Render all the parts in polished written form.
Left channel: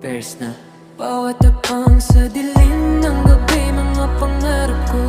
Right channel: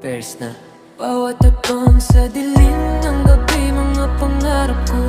Pairs na. Bawat tapang sa dilim ng gabi, mga pangarap ko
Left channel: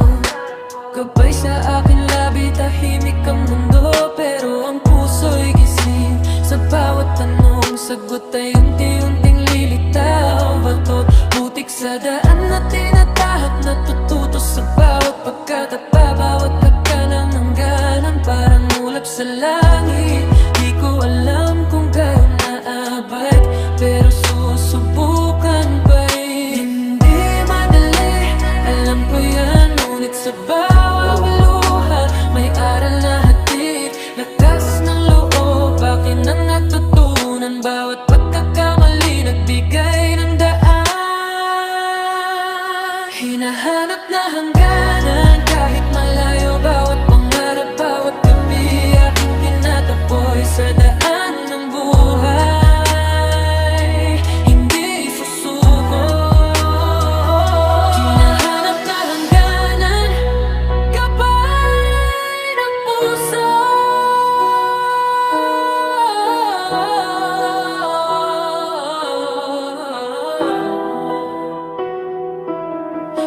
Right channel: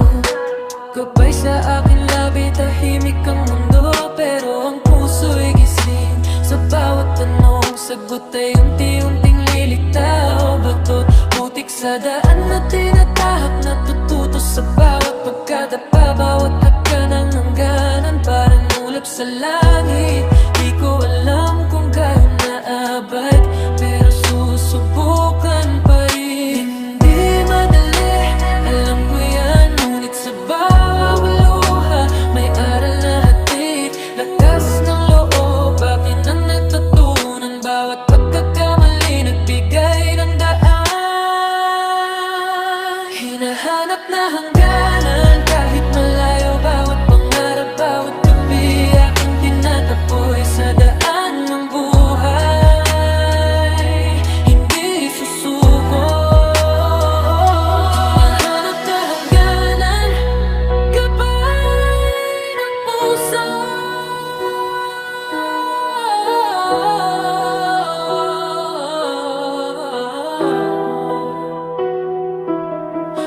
gabay sa aking labi, tahimik ang mundo, pero ang puso'y gising. Sa bawat tanong, sagot ay unti-unting lilitaw. Batot, butik sa daan na tinatahak, natututo sa bawat pagkadapa. Bawat haka ng hangganan, parang ulap sa langit. Di ko alam kung gayon naabait, pero susubukan pa rin. Hindi madali, alam ko yan, ngunit sa bawat luha may aral na hatid. Lakas ng loob, akin ang natutunan. Bawat pagkakamali, nagbigay ng daan. Hinahanap na hangganan, kahit malayo. Bawat pangarap, bawat gabi, aking tinataboy sa daan ng buhay. Hindi susuko. Hinahanap na hangganan, gabay ng puso.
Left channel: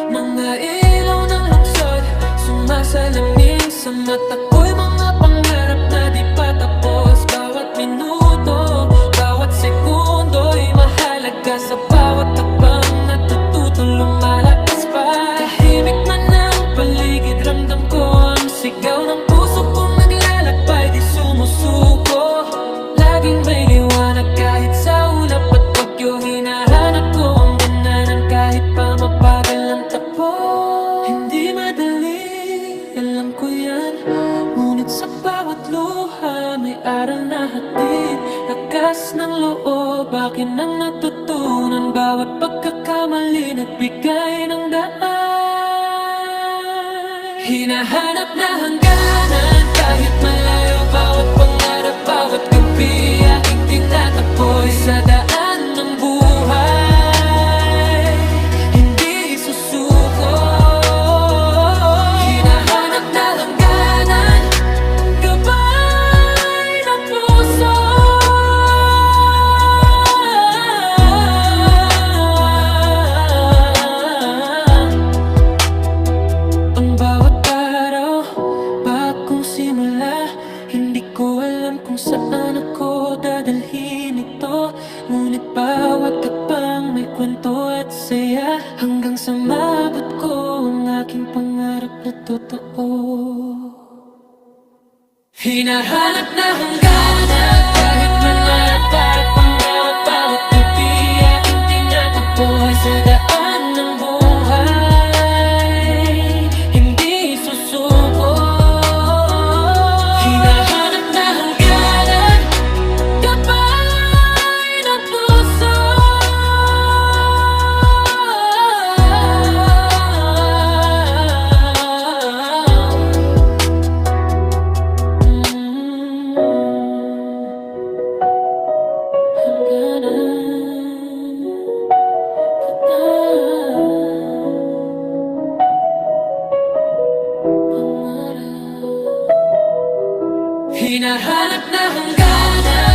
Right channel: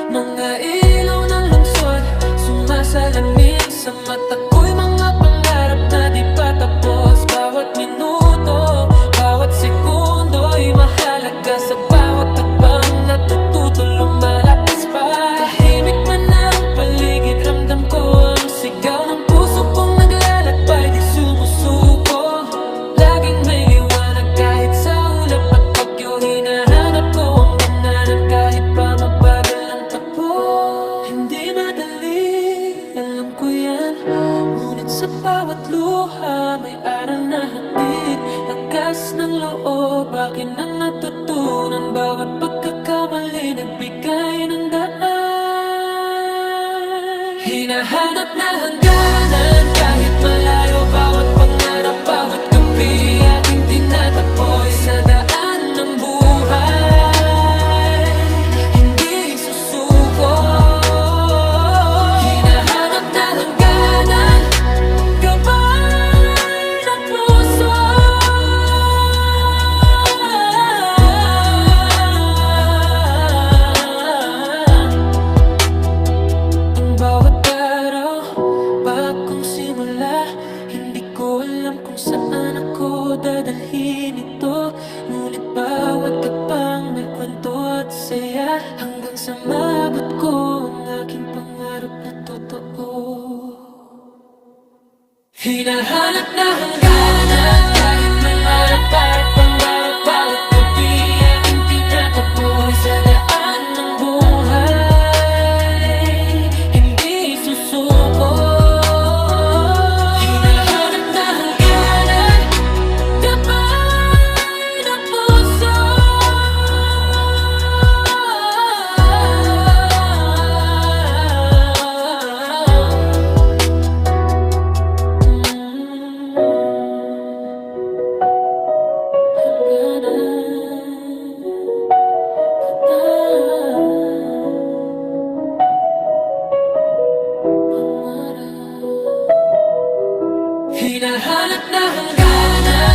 Mga ilaw ng lungsod, sumasalamin sa mata ko'y mga pangarap na di pa tapos. Bawat minuto, bawat sekundo'y mahalaga. Sa bawat takbang natututo, lumalakas pa. Tahimik man ang paligid, ramdam ko ang sigaw ng puso kong naglalakbay, di sumusuko. Laging may liwanag kahit sa ulap at bagyo. Hinahanap ko ang gananan kahit pa mabagal ang takbo. Hindi madali, alam ko yan, ngunit sa bawat luha may aral na hatid. Lakas ng loob, akin ang natutunan. Bawat pagkakamali, nagbigay ng daan. Hinahanap na hangganan, kahit malayo. Bawat pangarap, bawat gabi, aking tinataboy sa daan ng buhay. Hindi susuko. Hinahanap na hangganan, gabay ng puso. Ang bawat araw, bagong simula. Hindi ko alam kung saan ako dadalhin ito, ngunit bawat tapang may kwento at saya, hanggang sa maabot ko ang aking pangarap na totoo. Hinahanap na hangganan, kahit mangarap para pang bawat gabi, aking tinataboy sa daan ng buhay. Hindi susuko. Hinahanap na hangganan.